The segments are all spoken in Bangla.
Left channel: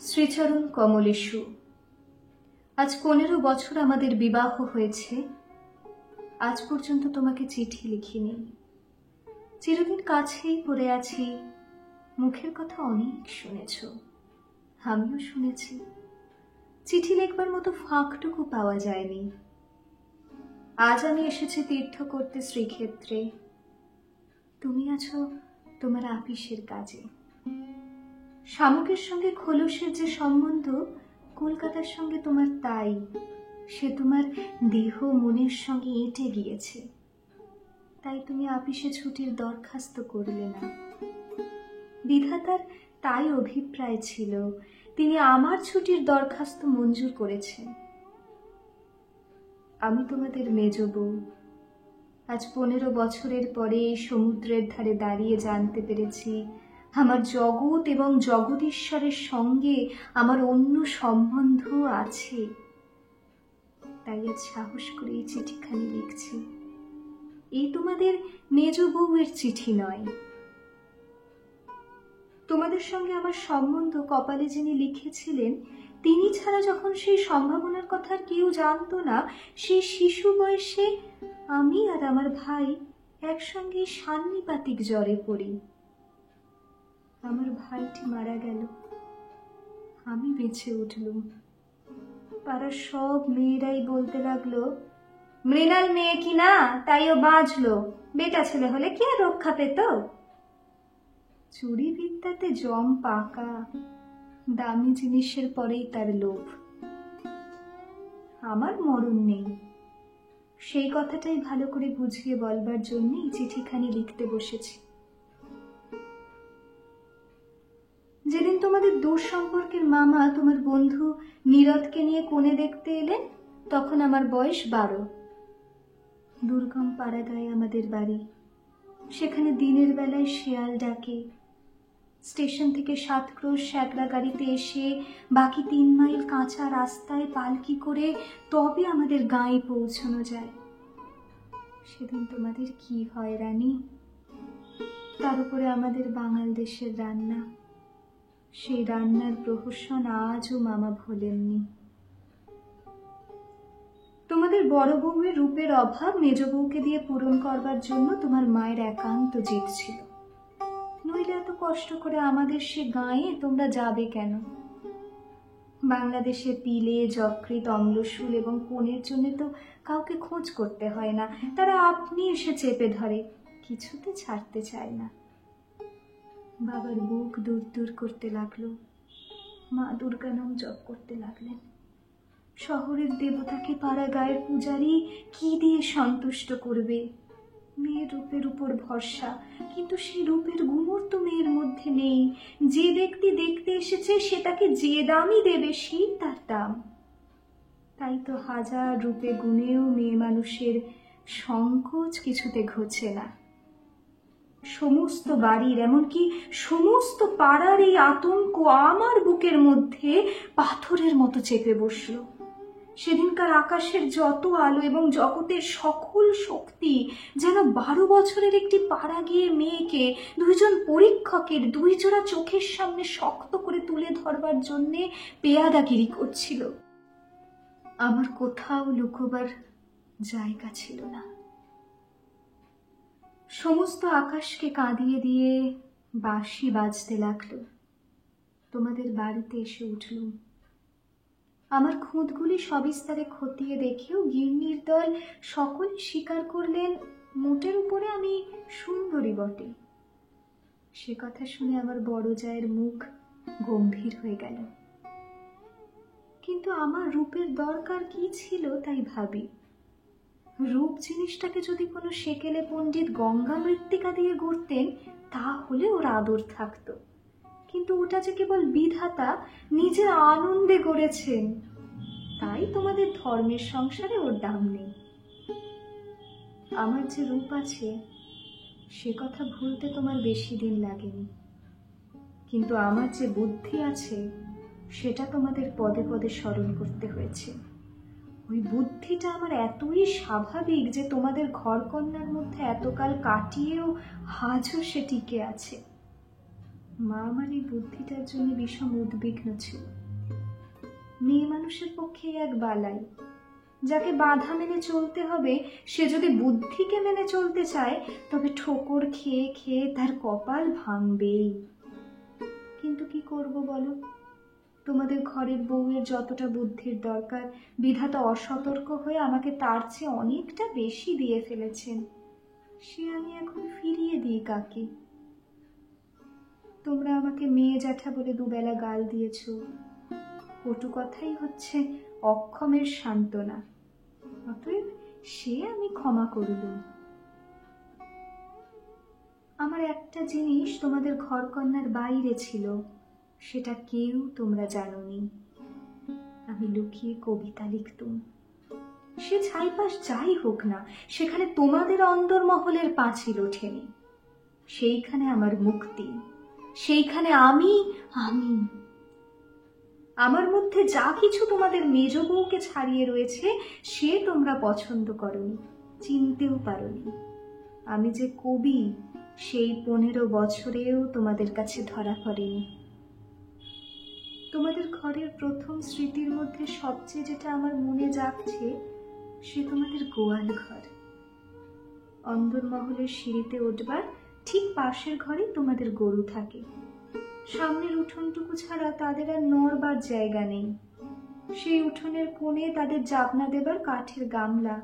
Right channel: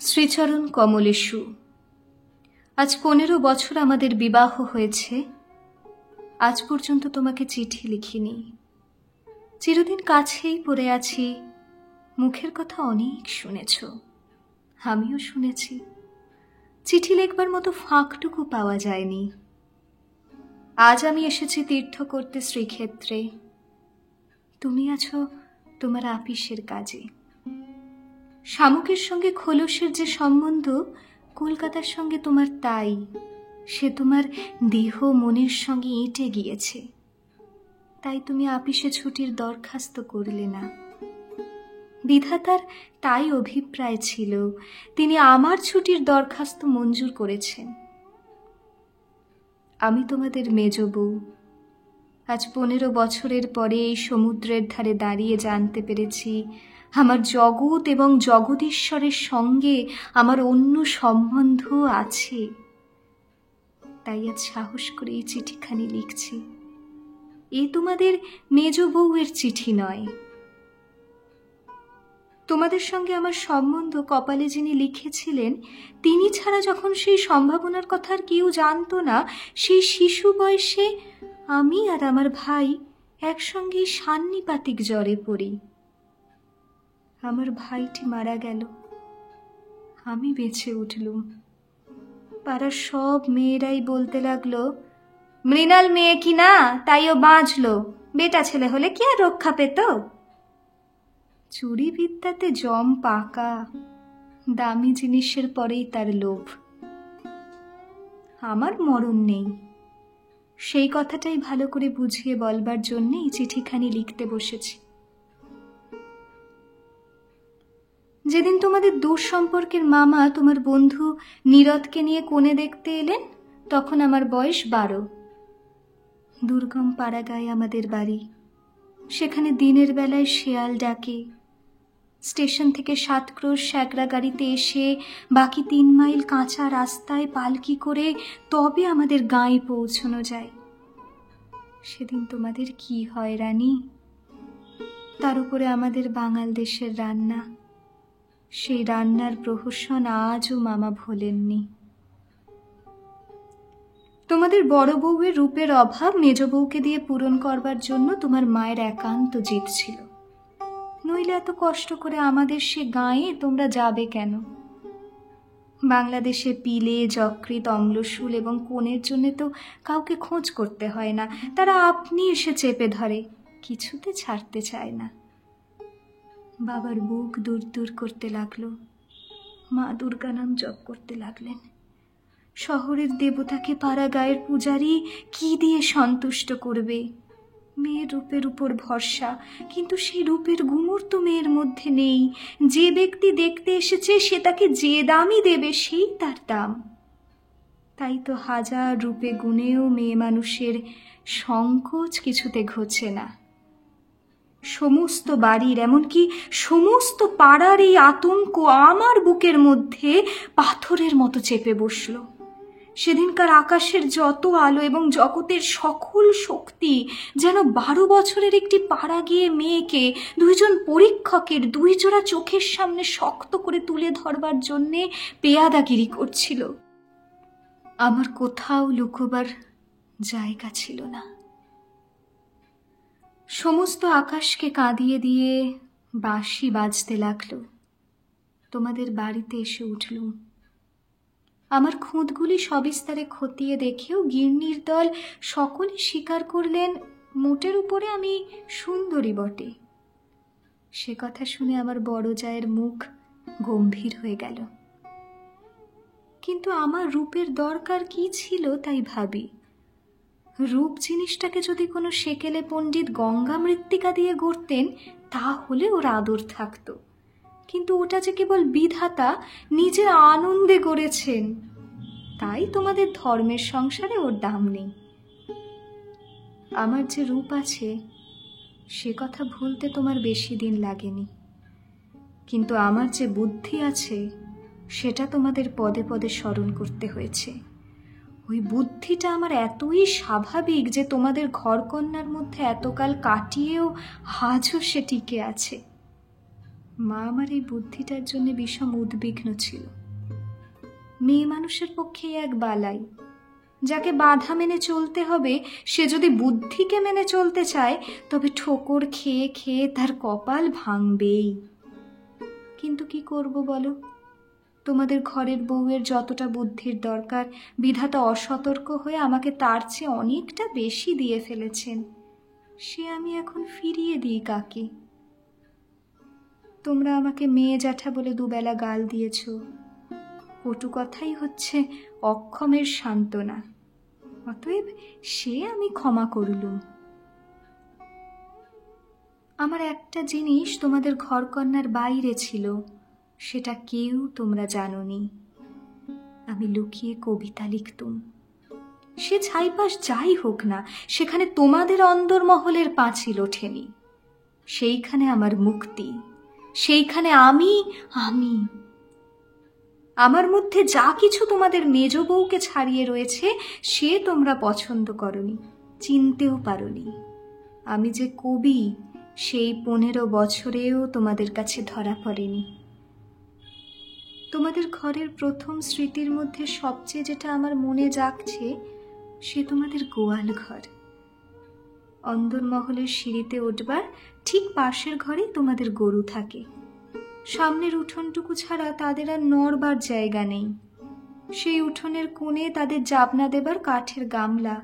শ্রীচরণ কমলেশু। আজ 15 বছর আমাদের বিবাহ হয়েছে। আজ পর্যন্ত তোমাকে চিঠি লিখিনি। চিরদিন কাছেই পড়ে আছি। মুখের কথা অনেক শুনেছ, আমিও শুনেছি। চিঠি লিখবার মতো ফাঁকটুকু পাওয়া যায়নি। আজ আমি এসেছি তীর্থ করতে শ্রীক্ষেত্রে। তুমি আছো তোমার আপিসের কাজে। শামুকের সঙ্গে খোলসের যে সম্বন্ধ, কলকাতার সঙ্গে তোমার তাই। সে তোমার দেহ মনের সঙ্গে এঁটে গিয়েছে। তাই তুমি আপিসে ছুটির দরখাস্ত করলে না। বিধাতার তাই অভিপ্রায় ছিল, তিনি আমার ছুটির দরখাস্ত মঞ্জুর করেছেন। আমি তোমাদের মেজ বউ। আজ 15 বছরের পরে এই সমুদ্রের ধারে দাঁড়িয়ে জানতে পেরেছি আমার জগৎ এবং জগদীশ্বরের সঙ্গে আমার অন্য সম্বন্ধ আছে। তাই আজ সাহস করে এই চিঠিখানি লিখছি। এই তোমাদের মেজ বউয়ের চিঠি নয়। তোমাদের সঙ্গে আমার সম্বন্ধ কপালে যিনি লিখেছিলেন, তিনি ছাড়া যখন সেই সম্ভাবনার কথা আর কেউ জানতো না, সেই শিশু বয়সে আমি আর আমার ভাই একসঙ্গে সান্নিপাতিক জ্বরে পড়ি। আমার ভাইটি মারা গেল, আমি বেঁচে উঠলুম। পাড়ার সব মেয়েরাই বলতে লাগলো, মৃণাল মেয়ে কি না, তাই ও বাঁচলো, বেটা ছেলে হলে কি আর রক্ষা পেত। চুরি বিদ্যাতে জম পাকা, দামি জিনিসের পরেই তার লোভ। আমার মরণ নেই, সেই কথাটাই ভালো করে বুঝিয়ে বলবার জন্য এই চিঠিখানি লিখতে বসেছি। যেদিন তোমাদের দূর সম্পর্কের মামা তোমার বন্ধু নীরদকে নিয়ে কোণে দেখতে এলেন, তখন আমার বয়স 12। দুর্গম পাড়াগাঁয়ে আমাদের বাড়ি। সেখানে দিনের বেলায় শেয়াল ডাকে। স্টেশন থেকে 7 ক্রোশ স্যাকরা গাড়িতে এসে বাকি 3 মাইল কাঁচা রাস্তায় পালকি করে তবে আমাদের গাঁয়ে পৌঁছানো যায়। সেদিন তোমাদের কি হয় রানী! তার উপরে আমাদের বাঙাল দেশের রান্না। সেই রান্নার প্রহসন আজও মামা ভোলেননি। তোমাদের বড় বউয়ের রূপের অভাব মেজ বউকে দিয়ে পূরণ করবার জন্য তোমার মায়ের একান্ত জিদ ছিল। নইলে এত কষ্ট করে আমাদের সে গাঁয়ে তোমরা যাবে কেন? বাংলাদেশে পিলে, যকৃৎ, অম্লশূল এবং কোণের জন্য তো কাউকে খোঁজ করতে হয় না। তারা আপনি এসে চেপে ধরে, কিছুতে ছাড়তে চায় না। বাবার বুক দূর দূর করতে লাগলো। মা দুর্গা নাম জপ করতে লাগলেন। শহরের দেবতাকে পাড়া গায়ের পূজারী কি দিয়ে সন্তুষ্ট করবে? মেয়ের রূপের উপর ভরসা, কিন্তু সেই রূপের গুমর তো মেয়ের মধ্যে নেই। যে ব্যক্তি দেখতে এসেছে সে তাকে যে দামই দেবে, সেই তার দাম। তাই তো হাজার রূপে গুণেও মেয়ে মানুষের সংকোচ কিছুতে ঘোচে না। সমস্ত বাড়ির, এমনকি সমস্ত পাড়ার এই আতঙ্ক আমার বুকের মধ্যে পাথরের মতো চেপে বসল। সেদিনকার আকাশের যত আলো এবং জগতের সকল শক্তি যেন 12 বছরের একটি পাড়া গিয়ে মেয়েকে 2জন পরীক্ষকের 2 জোড়া চোখের সামনে শক্ত করে তুলে ধরবার জন্যে পেয়াদাগিরি করছিল। আমার কোথাও লুকোবার জায়গা ছিল না। সমস্ত আকাশকে কাঁদিয়ে দিয়ে বাঁশি বাজতে লাগলো। তোমাদের বাড়িতে এসে উঠলুম। আমার খুঁতগুলি সবিস্তারে খতিয়ে দেখেও গিন্নির দল সকলে স্বীকার করলেন, মোটের উপরে আমি সুন্দরী বটে। সে কথা শুনে আমার বড় জায়ের মুখ গম্ভীর হয়ে গেল। কিন্তু আমার রূপের দরকার কি ছিল তাই ভাবি। রূপ জিনিসটাকে যদি কোনো সেকেলে পণ্ডিত গঙ্গা মৃত্তিকা দিয়ে গড়তেন, তাহলে ওর আদর থাকতো। কিন্তু ওটা যে কেবল বিধাতা নিজের আনন্দে গড়েছেন, তাই তোমাদের ধর্মের সংসারে ওর দাম নেই। আমার যে রূপ আছে সে কথা ভুলতে তোমার বেশি দিন লাগেনি, কিন্তু আমার যে বুদ্ধি আছে সেটা তোমাদের পদে পদে স্মরণ করতে হয়েছে। ওই বুদ্ধিটা আমার এতই স্বাভাবিক যে তোমাদের ঘরকন্যার মধ্যে এতকাল কাটিয়েও আজও সে টিকে আছে। মা আমার এই বুদ্ধিটার জন্য বিষম উদ্বিগ্ন ছিল। মেয়ে মানুষের পক্ষে এক বালাই, যাকে বাধা মেনে চলতে হবে, সে যদি বুদ্ধিকে মেনে চলতে চায় তবে ঠোকর খেয়ে খেয়ে তার কপাল ভাঙবেই। কিন্তু কি করব বলো, তোমাদের ঘরের বউয়ের যতটা বুদ্ধির দরকার, বিধাতা অসতর্ক হয়ে আমাকে তার চেয়ে অনেকটা বেশি দিয়ে ফেলেছেন। সে আমি এখন ফিরিয়ে দিই কাকে? তোমরা আমাকে মেয়ে জ্যাঠা বলে দুবেলা গাল দিয়েছ। কটু কথাই হচ্ছে অক্ষমের সান্ত্বনা, অতএব সে আমি ক্ষমা করলুম। আমার একটা জিনিস তোমাদের ঘরকন্নার বাইরে ছিল, সেটা কেউ তোমরা জানোনি। আমি লুকিয়ে কবিতা লিখতুম। সে ছাইপাশ যাই হোক না, সেখানে তোমাদের অন্দরমহলের পাঁচিল ওঠেনি। সেইখানে আমার মুক্তি, সেইখানে আমি আমি। আমার মধ্যে যা কিছু তোমাদের মেজ বউকে ছাড়িয়ে রয়েছে, সে তোমরা পছন্দ করনি, চিনতেও পারোনি। আমি যে কবি, সেই 15 বছরেও তোমাদের কাছে ধরা পড়েনি। তোমাদের ঘরের প্রথম স্মৃতির মধ্যে সবচেয়ে যেটা আমার মনে জাগছে, সে তোমাদের গোয়াল ঘর। অন্দরমহলের সিঁড়িতে উঠবার ঠিক পাশের ঘরেই তোমাদের গরু থাকে। সামনের উঠোনটুকু ছাড়া তাদের আর নড়বার জায়গা নেই। সেই উঠোনের কোণে তাদের জাবনা দেবার কাঠের গামলা।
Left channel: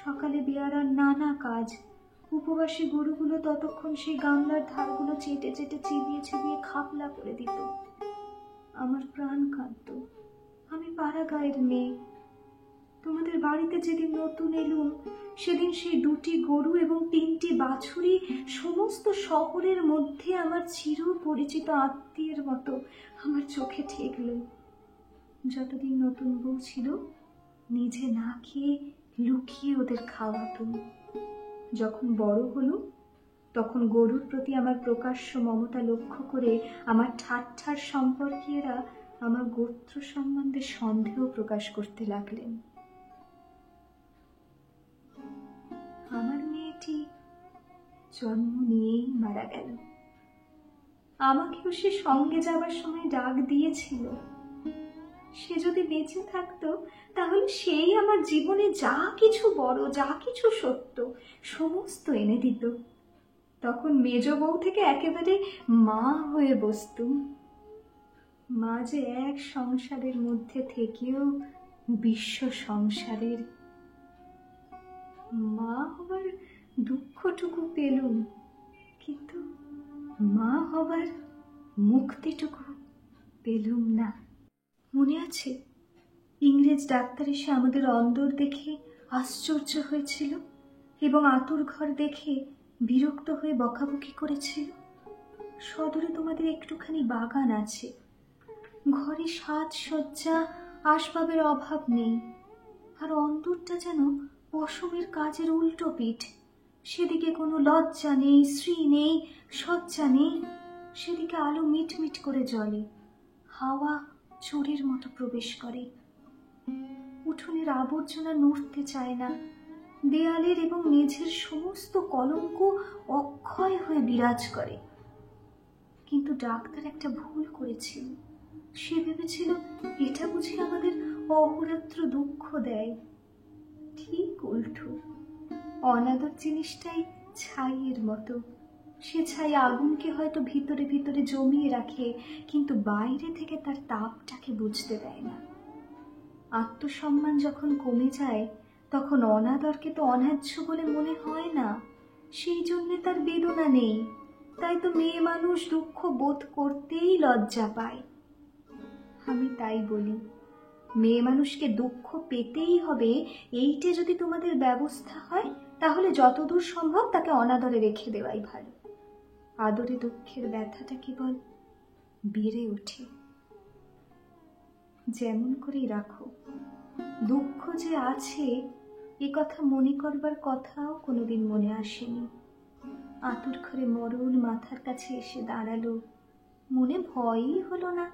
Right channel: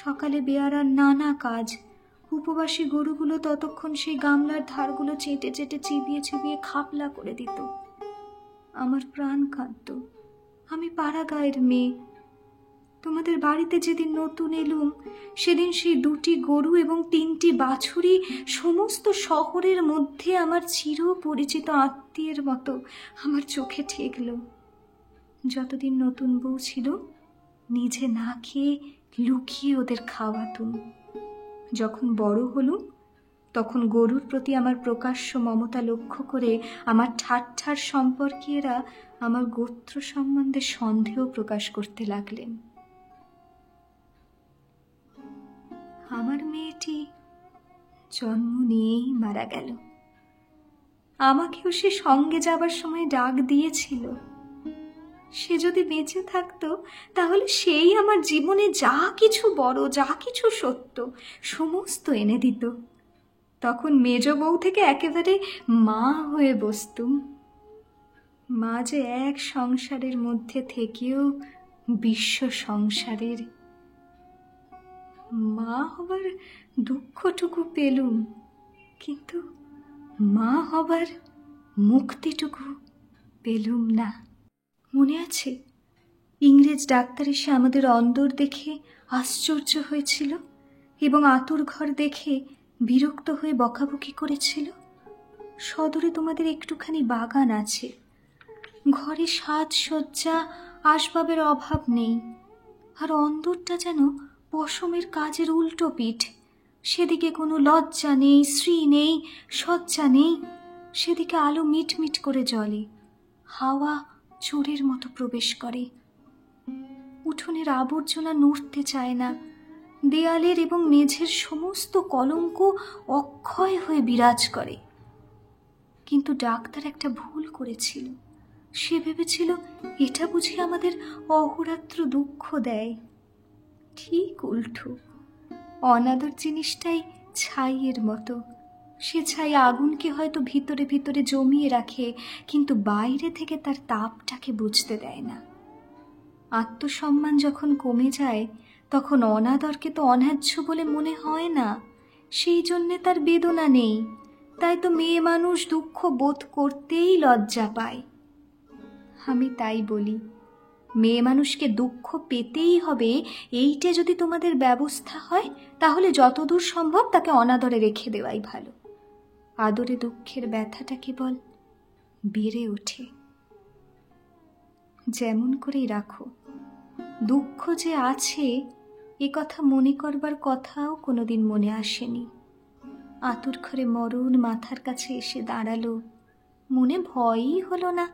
সকালে বেয়ারার নানা কাজ। উপবাসী গরুগুলো ততক্ষণ সেই গামলার ধারগুলো চেটে চেটে চিবিয়ে চিবিয়ে খাপলা করে দিত। আমার প্রাণ কাঁদত। আমি পাড়া গায়ের মেয়ে। তোমাদের বাড়িতে যেদিন নতুন এলুম, সেদিন সেই 2টি গরু এবং 3টি বাছুরি সমস্ত শহরের মধ্যে আমার চির পরিচিত আত্মীয়ের মতো আমার চোখে ঠেকল। যতদিন নতুন বউ ছিল, নিজে না খেয়ে লুকিয়ে ওদের খাওয়াতুম। যখন বড় হলুম, তখন গরুর প্রতি আমার প্রকাশ্য মমতা লক্ষ্য করে আমার ঠাট্টার সম্পর্কীয়রা আমার গোত্র সম্বন্ধে সন্দেহ প্রকাশ করতে লাগলেন। আমার মেয়েটি জন্ম নিয়েই মারা গেল। আমাকেও সে সঙ্গে যাবার সময় ডাক দিয়েছিল। সে যদি বেঁচে থাকতো, তাহলে সেই আমার জীবনে যা কিছু বড়, যা কিছু সত্য, সমস্ত এনে দিত। তখন মেজ বউ থেকে একেবারে মা হয়ে বসতুম। মা যে এক সংসারের মধ্যে থেকেও বিশ্ব সংসারের। মা হবার দুঃখটুকু পেলুম, কিন্তু মা হবার মুক্তিটুকু পেলুম না। মনে আছে, ইংরেজ ডাক্তার এসে আমাদের অন্দর দেখে আশ্চর্য হয়েছিল এবং আতুর ঘর দেখে বিরক্ত হয়ে বকাবকি করেছিল। সদরে তোমাদের একটুখানি বাগান আছে, ঘরে সাজসজ্জা আসবাবের অভাব নেই, আর অন্দরটা যেন পশমের কাজের উল্টো পিঠ। সেদিকে কোনো লজ্জা নেই, শ্রী নেই, সজ্জা নেই। সেদিকে আলো মিটমিট করে জ্বলে, হাওয়া চোরের মতো প্রবেশ করে। উঠোনের আবর্জনা নড়তে চায় না। দেয়ালের এবং মেঝের সমস্ত কলঙ্ক অক্ষয় হয়ে বিরাজ করে। কিন্তু ডাক্তার একটা ভুল করেছিল। সে ভেবেছিল এটা বুঝি আমাদের অহোরাত্র দুঃখ দেয়। ঠিক উল্টো। অনাদর জিনিসটাই ছাইয়ের মতো। সে ছাই আগুনকে হয়তো ভিতরে ভিতরে জমিয়ে রাখে, কিন্তু বাইরে থেকে তার তাপটাকে বুঝতে দেয় না। আত্মসম্মান যখন কমে যায়, তখন অনাদরকে তো অন্যায্য বলে মনে হয় না। সেই জন্যে তার বেদনা নেই। তাই তো মেয়ে মানুষ দুঃখ বোধ করতেই লজ্জা পায়। আমি তাই বলি, মেয়ে মানুষকে দুঃখ পেতেই হবে, এইটে যদি তোমাদের ব্যবস্থা হয়, তাহলে যতদূর সম্ভব তাকে অনাদরে রেখে দেওয়াই ভালো। আদরে দুঃখের ব্যথাটা কেবল বেড়ে ওঠে। যেমন করেই রাখো, দুঃখ যে আছে এ কথা মনে করবার কথাও কোনোদিন মনে আসেনি। আতুর ঘরে মরণ মাথার কাছে এসে দাঁড়ালো, মনে ভয়ই হলো না।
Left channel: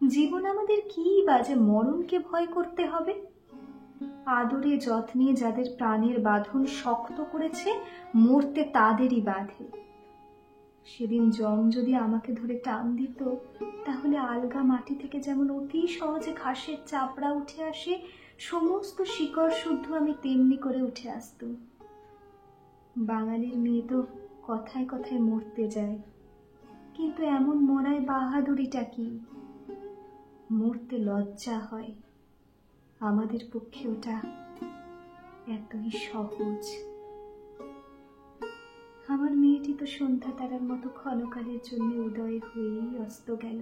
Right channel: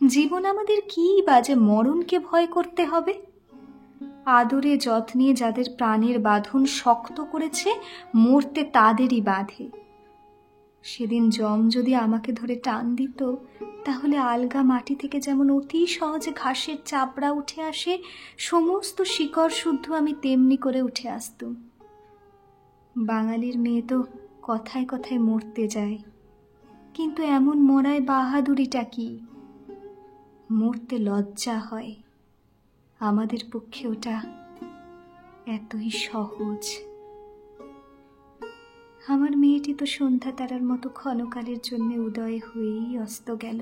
জীবন আমাদের কি বাজে মরণকে ভয় করতে হবে? আদরে যত্নে যাদের প্রাণের বাঁধন শক্ত করেছে, মরতে তাদেরই বাঁধে। সেদিন যম যদি আমাকে ধরে টান দিত, তাহলে আলগা মাটি থেকে যেমন অতি সহজে ঘাসের চাপড়া উঠে আসে, সমস্ত শিকড় শুদ্ধ আমি তেমনি করে উঠে আসতুম। বাঙালির মেয়ে তো কথায় কথায় মরতে যায়, কিন্তু এমন মরায় বাহাদুরিটা কি? মরতে লজ্জা হয়। আমাদের পক্ষে ওটা এতই সহজ। আমার মেয়েটি তো সন্ধ্যা তারার মতো ক্ষণকালের জন্য উদয় হয়েই অস্ত গেল।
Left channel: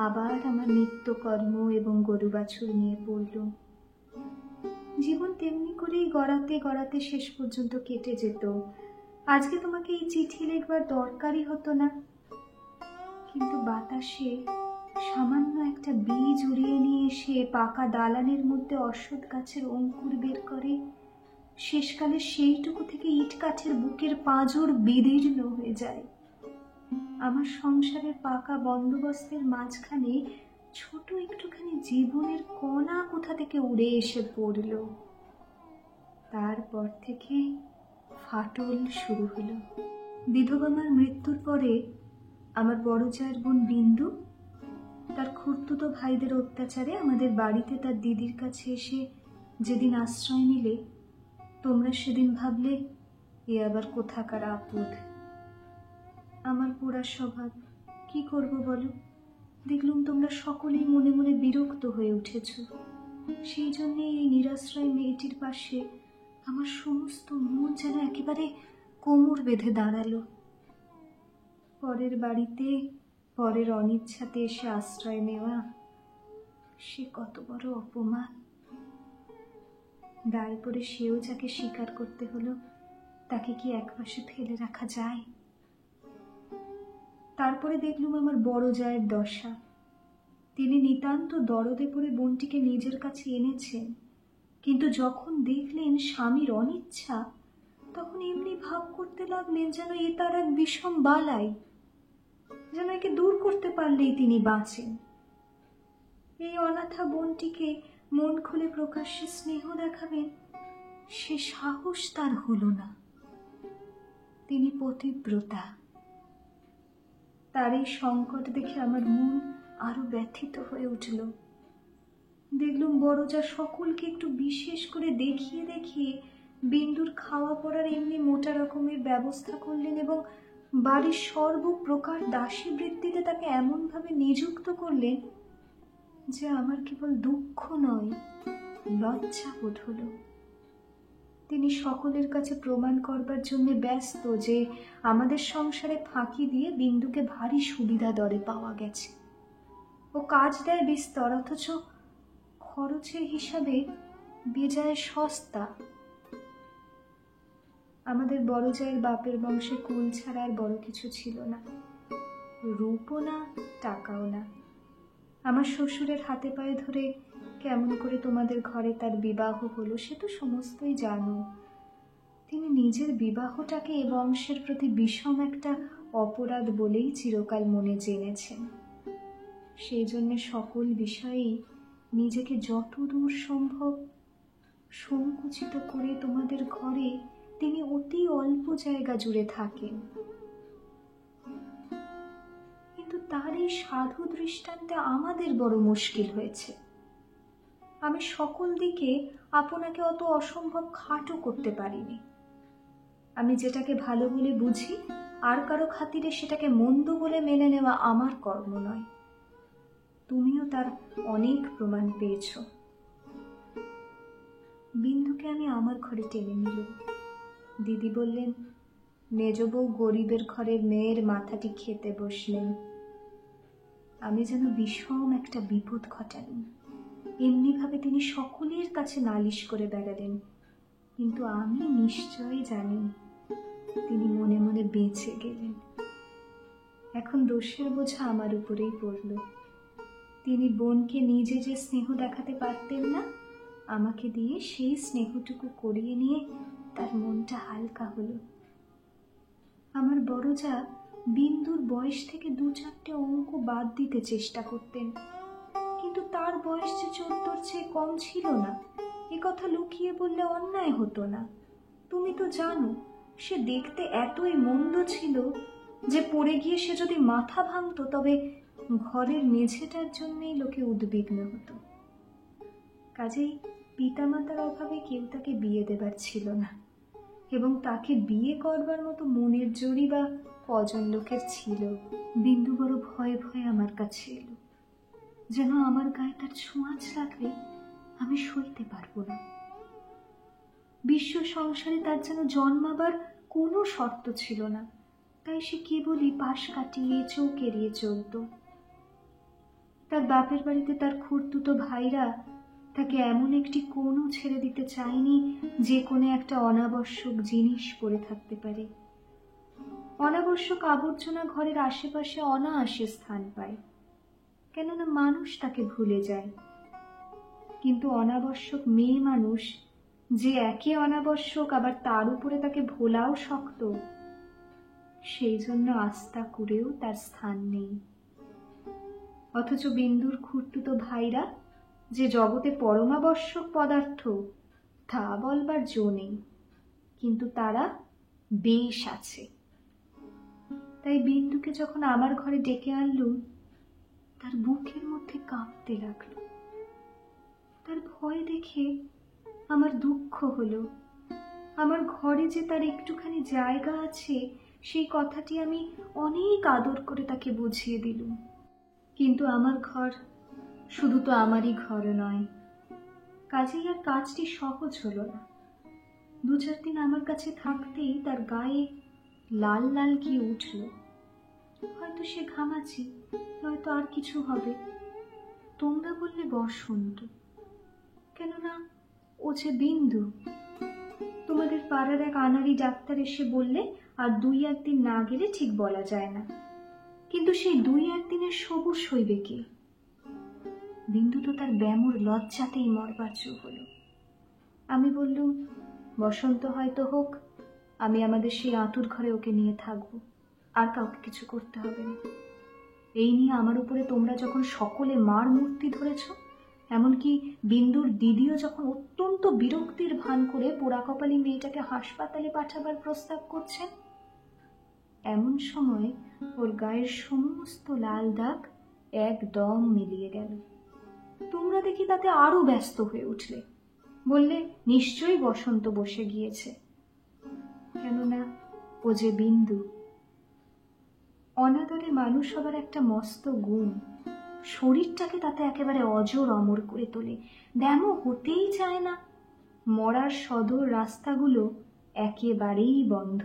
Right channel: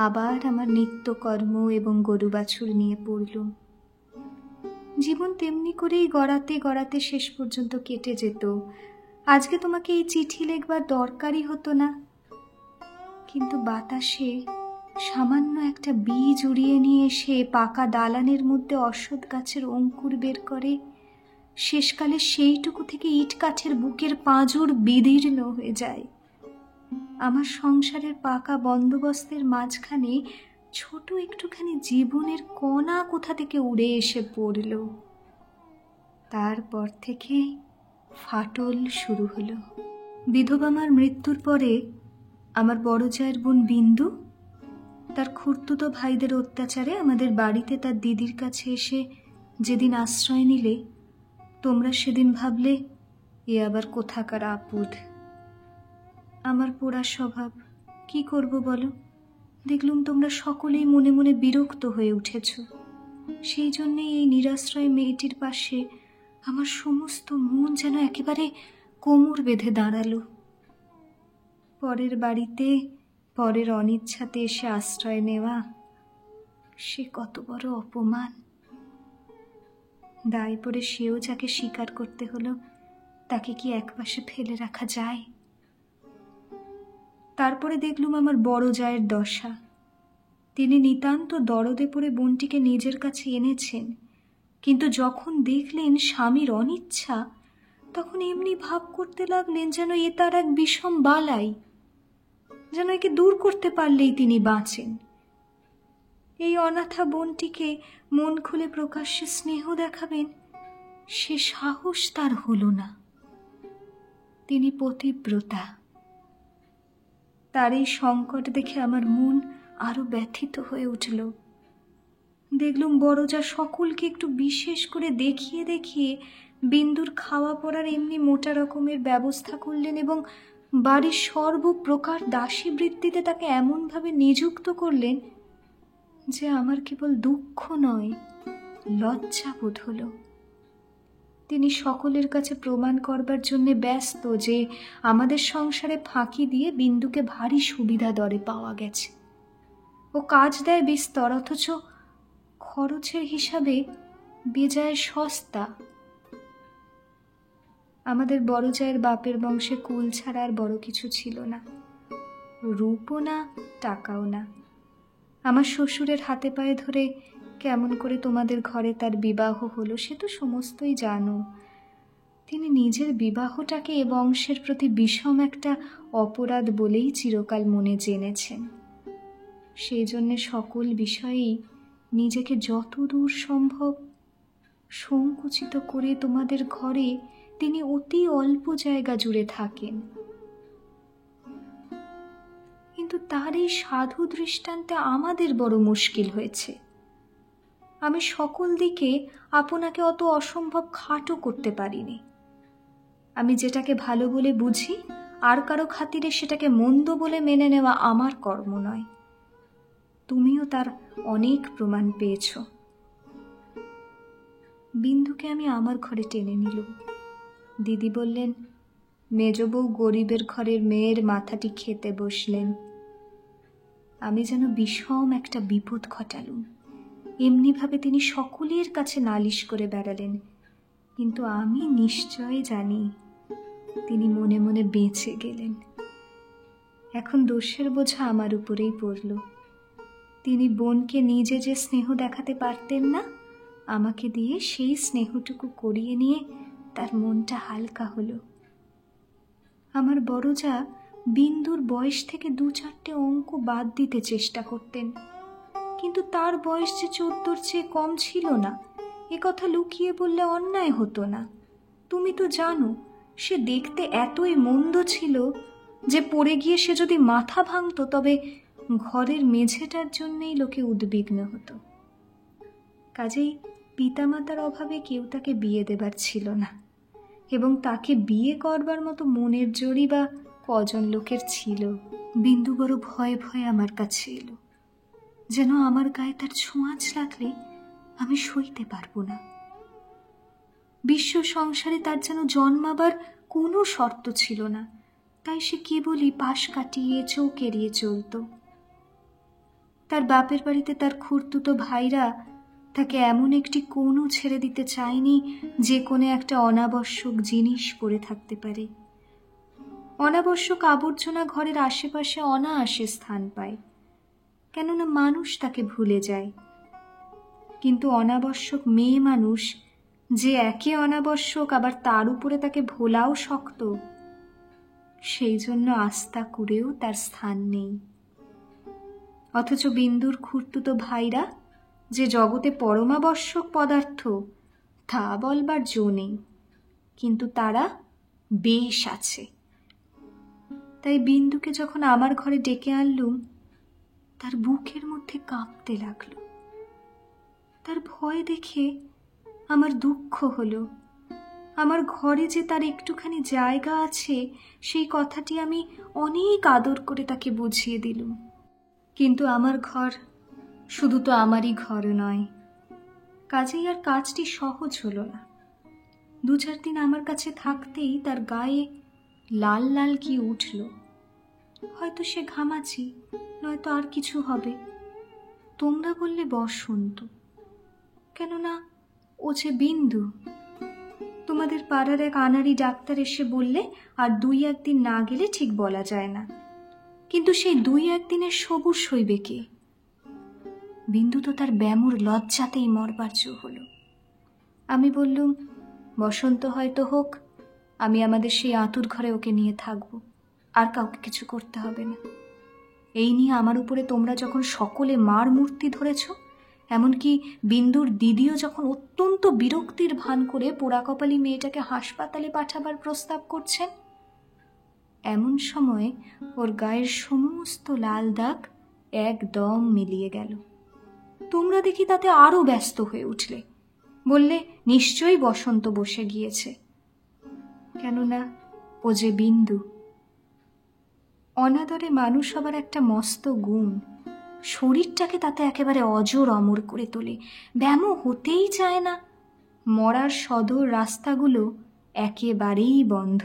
আবার আমার নিত্যকর্ম এবং গরু বাছুর নিয়ে পড়লুম। জীবন তেমনি করেই গড়াতে গড়াতে শেষ পর্যন্ত কেটে যেত। আজকে তোমাকে এই চিঠি লেখবার দরকারই হতো না, কিন্তু বাতাসে সামান্য একটা বীজ উড়িয়ে নিয়ে এসে পাকা দালানের মধ্যে অশ্বত্থ গাছের অঙ্কুর বের করে। শেষকালে সেইটুকু থেকে ইট কাঠের বুকের পাঁজর বিদীর্ণ হয়ে যায়। আমার সংসারের পাকা বন্দোবস্তের মাঝখানে ছোট একটুখানি জীবনের কণা কোথা থেকে উড়ে এসে পড়ল। তারপর থেকে ফাটল শুরু হলো। বিধবা মার মৃত্যুর পরে আমার বড় জায়ের বোন বিন্দু তার খুড়তুতো ভাইদের অত্যাচারে আমাদের বাড়িতে তার দিদির কাছে এসে যেদিন আশ্রয় নিলে, তোমরা সেদিন ভাবলে এ আবার কোথাকার আপদ। আমার পোড়া স্বভাব, কি করব বলো? দেখলুম তোমরা সকলেই মনে মনে বিরক্ত হয়ে উঠেছ। সেই জন্যে এই নিরাশ্রয় মেয়েটির পাশে আমার সমস্ত মন যেন একেবারে কোমর বেঁধে দাঁড়ালো। পরের বাড়িতে পরের অনিচ্ছাতে এসে আশ্রয় নেওয়া, সে কত বড় অপমান। দায় পড়ে সেও যাকে স্বীকার করতে হলো, তাকে কি একপাশে ফেলে রাখা যায়? তারপরে দেখলুম আমার বড় জায়ের দশা। তিনি নিতান্ত দরদে পড়ে বোনটিকে নিজের কাছে এনেছেন, কিন্তু যখন দেখলেন স্বামীর অনিচ্ছা, তখন এমনি ভাব করতে লাগলেন যেন এ তার এক বিষম বালাই, যেন একে দূর করতে পারলেই তিনি বাঁচেন। এই অনাথা বোনটিকে মন খুলে প্রকাশ্যে স্নেহ দেখাবেন, সে সাহস তার হলো না। তিনি পতিব্রতা। তার এই সংকট দেখে আমার মন আরো ব্যথিত হয়ে উঠল। দেখলুম বড় যা সকলকে একটু বিশেষ করে দেখিয়ে দেখিয়ে বিন্দুর খাওয়া পড়ার এমনি মোটা রকমের ব্যবস্থা করলেন এবং বাড়ির সর্বপ্রকার দাসী বৃত্তিতে তাকে এমনভাবে নিযুক্ত করলেন যে আমার কেবল দুঃখ নয়, লজ্জা বোধ হলো। তিনি সকলের কাছে প্রমাণ করবার জন্য ব্যস্ত যে আমাদের সংসারে ফাঁকি দিয়ে বিন্দুকে ভারী সুবিধা দরে পাওয়া গেছে। ও কাজ দেয় বিস্তর, অথচ খরচের হিসাবে বেজায় সস্তা। আমাদের বড় জায়ের বাপের বংশে কুল ছাড়া আর বড় কিছু ছিল না, রূপও না, টাকাও না। আমার শ্বশুরের হাতে পায়ে ধরে কেমন করে তোমাদের ঘরে তার বিবাহ হলো সে তো সমস্তই জানো। তিনি নিজের বিবাহটাকে এ বংশের প্রতি বিষম একটা অপরাধ বলেই চিরকাল মনে জেনেছেন। সেই জন্যে সকল বিষয়েই নিজেকে যতদূর সম্ভব সংকুচিত করে তোমাদের ঘরে তিনি অতি অল্প জায়গা জুড়ে থাকেন। কিন্তু তার এই সাধু দৃষ্টান্তে আমাদের বড় মুশকিল হয়েছে। আমি সকল দিকে আপনাকে অত অসম্ভব খাটো করতে পারিনি। আমি যেটাকে ভালো বলে বুঝি, আর কারো খাতিরে সেটাকে মন্দ বলে মেনে নেওয়া আমার কর্ম নয়। তুমিও তার অনেক প্রমাণ পেয়েছ। বিন্দুকে আমি আমার ঘরে টেনে নিলুম। দিদি বললেন, মেজ বউ গরিবের ঘরের মেয়ের মাথাটি খেতে বসলেন। আমি যেন বিষম একটা বিপদ ঘটালুম। এমনিভাবে তিনি সকলের কাছে নালিশ করে বেড়ালেন, কিন্তু আমি নিশ্চয় জানি তিনি মনে মনে বেঁচে গেলেন। এখন দোষের বোঝা আমার উপরেই পড়ল। তিনি বোনকে নিজে যে স্নেহ দেখাতে পারতেন না, আমাকে দিয়ে সেই স্নেহটুকু করিয়ে নিয়ে তার মনটা হালকা হলো। আমার বড় যা বিন্দুর বয়স থেকে 2-4টে অঙ্ক বাদ দিতে চেষ্টা করতেন, কিন্তু তার বয়স যে 14-র চেয়ে কম ছিল না, এ কথা লুকিয়ে বললে অন্যায় হতো না। তুমি তো জানো সে দেখতে এতই মন্দ ছিল যে পড়ে গিয়ে সে যদি মাথা ভাঙত তবে ঘরের মেঝেটার জন্যেই লোকে উদ্বিগ্ন হতো। কাজেই পিতামাতার অভাবে কেউ তাকে বিয়ে দেবার ছিল না, এবং তাকে বিয়ে করবার মতো মনের জোরই বা কজন লোকের ছিল। বিন্দু বড় ভয়ে ভয়ে আমার কাছে এলো, যেন আমার গায়ে তার ছোঁয়াচ লাগলে আমি সইতে পারবো না। বিশ্ব সংসারে তার যেন জন্মাবার কোনো শর্ত ছিল না, তাই সে কেবলই পাশ কাটিয়ে চোখ এড়িয়ে চলত। তার বাপের বাড়িতে তার খুড়তুতো ভাইরা তাকে এমন একটি কোণও ছেড়ে দিতে চায়নি যে কোণে একটা অনাবশ্যক জিনিস পড়ে থাকতে পারে। অনাবশ্যক আবর্জনা ঘরের আশেপাশে অনায়াসে স্থান পায়, কেননা মানুষ তাকে ভুলে যায়। কিন্তু অনাবশ্যক মেয়ে মানুষ যে একে অনাবশ্যক, আবার তার উপরে তাকে ভোলাও শক্ত, সেই জন্য আস্থা করেও তার স্থান নেই। অথচ বিন্দুর খুড়তুতো ভাইরা যে জগতে পরমাবশ্যক পদার্থ তা বলবার জো নেই, কিন্তু তারা বেশ আছে। তাই বিন্দুকে যখন আমার ঘরে ডেকে আনলুম, তার বুকের মধ্যে কাঁপতে লাগলো। তার ভয় দেখে আমার দুঃখ হলো। আমার ঘরে যে তার একটুখানি জায়গা আছে সেই কথাটি আমি অনেক আদর করে তাকে বুঝিয়ে দিলুম। কিন্তু আমার ঘর শুধু তো আমারই ঘর নয়, কাজেই আর কাজটি সহজ হলো না। 2-4 দিন আমার কাছে থাকতেই তার গায়ে লাল লাল কি উঠল। হয়তো সে ঘামাচি, নয়তো আর কিছু হবে। তোমরা বললে বসন্ত, কেননা ও যে বিন্দু। তোমাদের পাড়ার এক আনাড়ি ডাক্তার এসে বললে আর 2-1 দিন না গেলে ঠিক বলা যায় না। কিন্তু সেই 2-1 দিনের সবুজ সইবে কে? বিন্দু তো তার ব্যামোর লজ্জাতেই মরবার জো হলো। আমি বললুম, বসন্ত হয়তো হোক, আমি আমাদের সেই আঁতুর ঘরে ওকে নিয়ে থাকবো, আর কাউকে কিছু করতে হবে না। এই নিয়ে আমার উপরে তোমরা যখন সকলে মার মূর্তি ধরেছ, এমনকি বিন্দুর দিদিও যখন অত্যন্ত বিরক্তির ভান করে পোড়া কপালি মেয়েটাকে হাসপাতালে পাঠাবার প্রস্তাব করছেন, এমন সময় ওর গায়ের সমস্ত লাল দাগ একদম মিলিয়ে গেল। তোমরা দেখি তাতে আরো ব্যস্ত হয়ে উঠলে, বললে নিশ্চয়ই বসন্ত বসে গিয়েছে, কেননা ও যে বিন্দু। অনাদরে মানুষ হবার একটা মস্ত গুণ, শরীরটাকে তাতে একেবারে অজর অমর করে তোলে। ব্যামো হতেই চায় না। মরার সদর রাস্তাগুলো একেবারেই বন্ধ।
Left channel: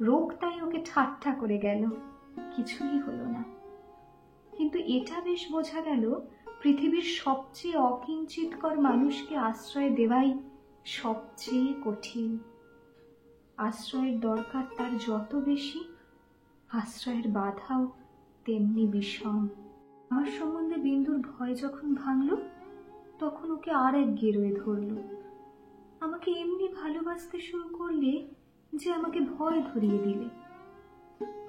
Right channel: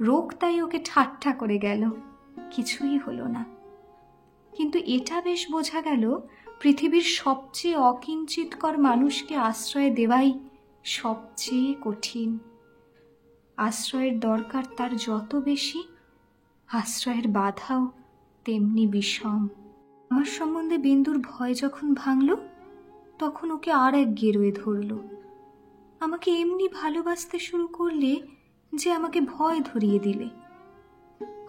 রোগ তাই ওকে ঠাট্টা করে গেল, কিছুই হলো না। কিন্তু এটা বেশ বোঝা গেল, পৃথিবীর সবচেয়ে অকিঞ্চিতকর মানুষকে আশ্রয় দেওয়াই সবচেয়ে কঠিন। আশ্রয়ের দরকার তার যত বেশি, আশ্রয়ের বাধাও তেমনি বিষম। আমার সম্বন্ধে বিন্দুর ভয় যখন ভাঙল, তখন ওকে আর এক গেরোয় ধরল। আমাকে এমনি ভালোবাসতে শুরু করলে যে আমাকে ভয় ধরিয়ে দিলে।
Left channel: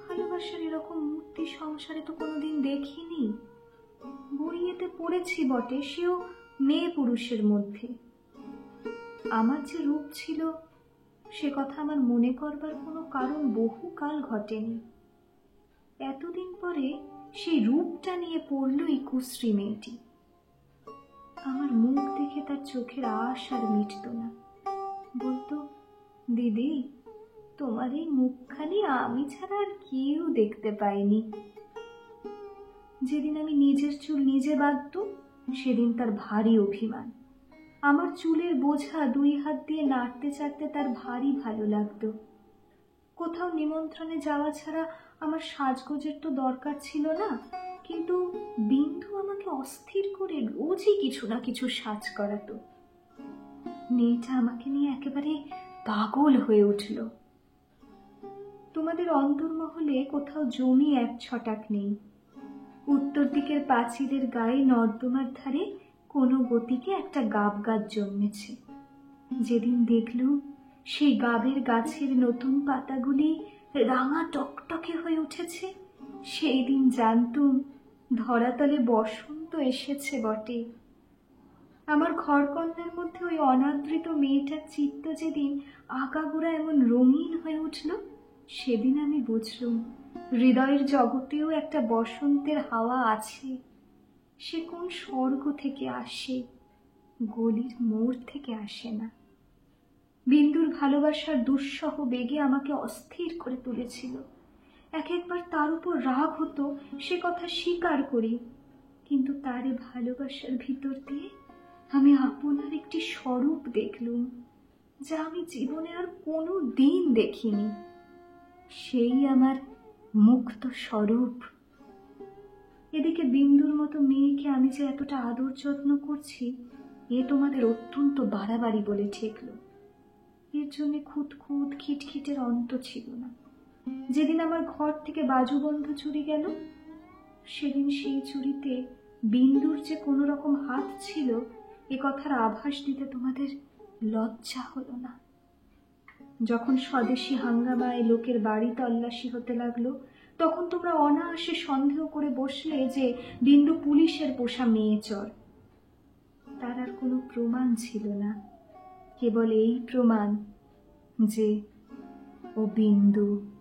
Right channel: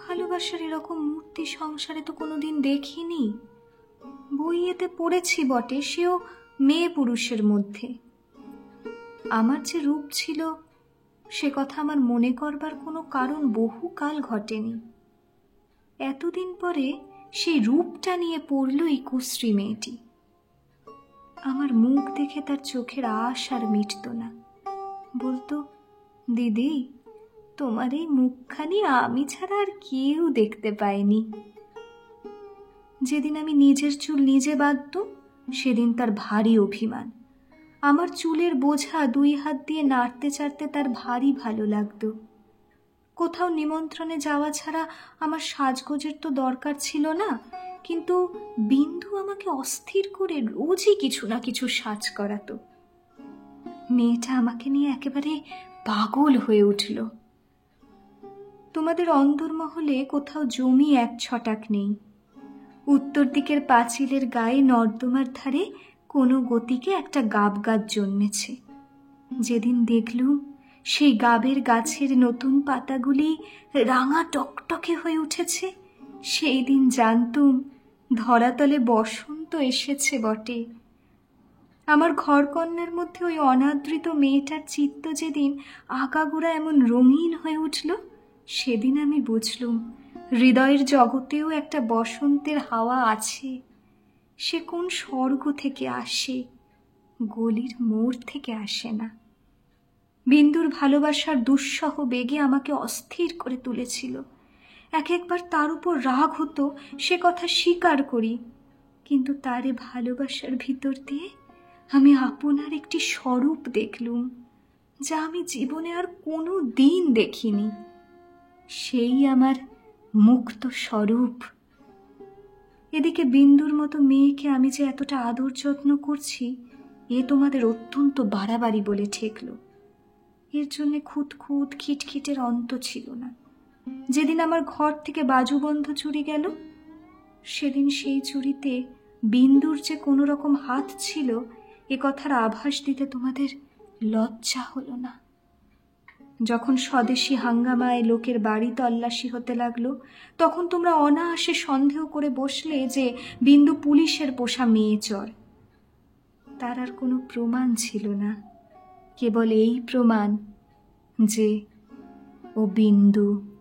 ভালোবাসার এরকম মূর্তি সংসারে তো কোনোদিন দেখিনি। বইয়েতে পড়েছি বটে, সেও মেয়ে পুরুষের মধ্যে। আমার যে রূপ ছিল সে কথা আমার মনে করবার কোনো কারণ বহুকাল ঘটেনি। এতদিন পরে সেই রূপটা নিয়ে পড়ল এই কুশ্রী মেয়েটি। আমার মুখ দেখে তার চোখের আশ আর মিটত না। বলতো, দিদি, তোমার এই মুখখানি আমি ছাড়া আর কেউ দেখতে পায়নি। যেদিন আমি নিজের চুল নিজে বাঁধতুম, সেদিন তার ভারী অভিমান। আমার চুলের বোঝা 2 হাত দিয়ে নাড়তে চাড়তে তার ভারী ভালো লাগতো। কোথাও নিমন্ত্রণে যাওয়া ছাড়া আমার সাজগোজের তো দরকার ছিল না, কিন্তু বিন্দু আমাকে অস্থির করে রোজই কিছু না কিছু সাজ করাতো। মেয়েটা আমাকে নিয়ে একেবারে পাগল হয়ে উঠল। তোমাদের অন্দরমহলে কোথাও জমি 1 ছটাক নেই। উত্তর দিকের পাঁচিলের গায়ে নর্দমার ধারে কোনো গতিকে একটা গাব গাছ জন্মেছে। যেদিন দেখলুম সেই গাবের গাছের নতুন পাতাগুলি রাঙা টকটকে হয়ে উঠেছে, সেই দিন জানতুম ধরাতলে বসন্ত এসেছে বটে। আমার ঘরকন্নার মধ্যে ওই অনাদৃত মেয়েটার চিত্ত যেদিন আগাগোড়া এমন রঙিন হয়ে উঠল, সেদিন আমি বুঝলুম হৃদয়ের জগতেও একটা বসন্তের হাওয়া আছে। সে কোন স্বর্গ থেকে আসে, গলির মোড় থেকে আসে না। বিন্দুর ভালোবাসার দুঃসহ বেগে আমাকে অস্থির করে তুলেছিল। একবার তার উপর রাগ হতো, সে কথা স্বীকার করি, কিন্তু তারে ভালোবাসার ভিতর দিয়ে আমি আপনার একটি স্বরূপ দেখলুম, যা আমি জীবনে আর কোনো দিন দেখিনি। সেই আমার মুক্ত স্বরূপ। এদিকে বিন্দুর মতো মেয়েকে আমি যে এতটা আদর যত্ন করছি, এ তোমাদের অত্যন্ত বাড়াবাড়ি বলে ঠেকল। এর জন্য খুঁতখুঁত খিটখিটের অন্ত ছিল না। যেদিন আমার ঘর থেকে বাজুবন্ধ চুরি গেল, সেদিন সেই চুরিতে বিন্দুর যে কোনো রকম হাত ছিল এ কথার আভাস দিতে তোমাদের লজ্জা হলো না। যখন স্বদেশী হাঙ্গামায় লোকের বাড়ি তল্লাশি হতে লাগলো, তখন তোমরা অনায়াসে সন্দেহ করে বসলে যে বিন্দু পুলিশের পোষা মেয়ে চোর। তার আর কোনো প্রমাণ ছিল না, কেবল এই প্রমাণ যে ও বিন্দু।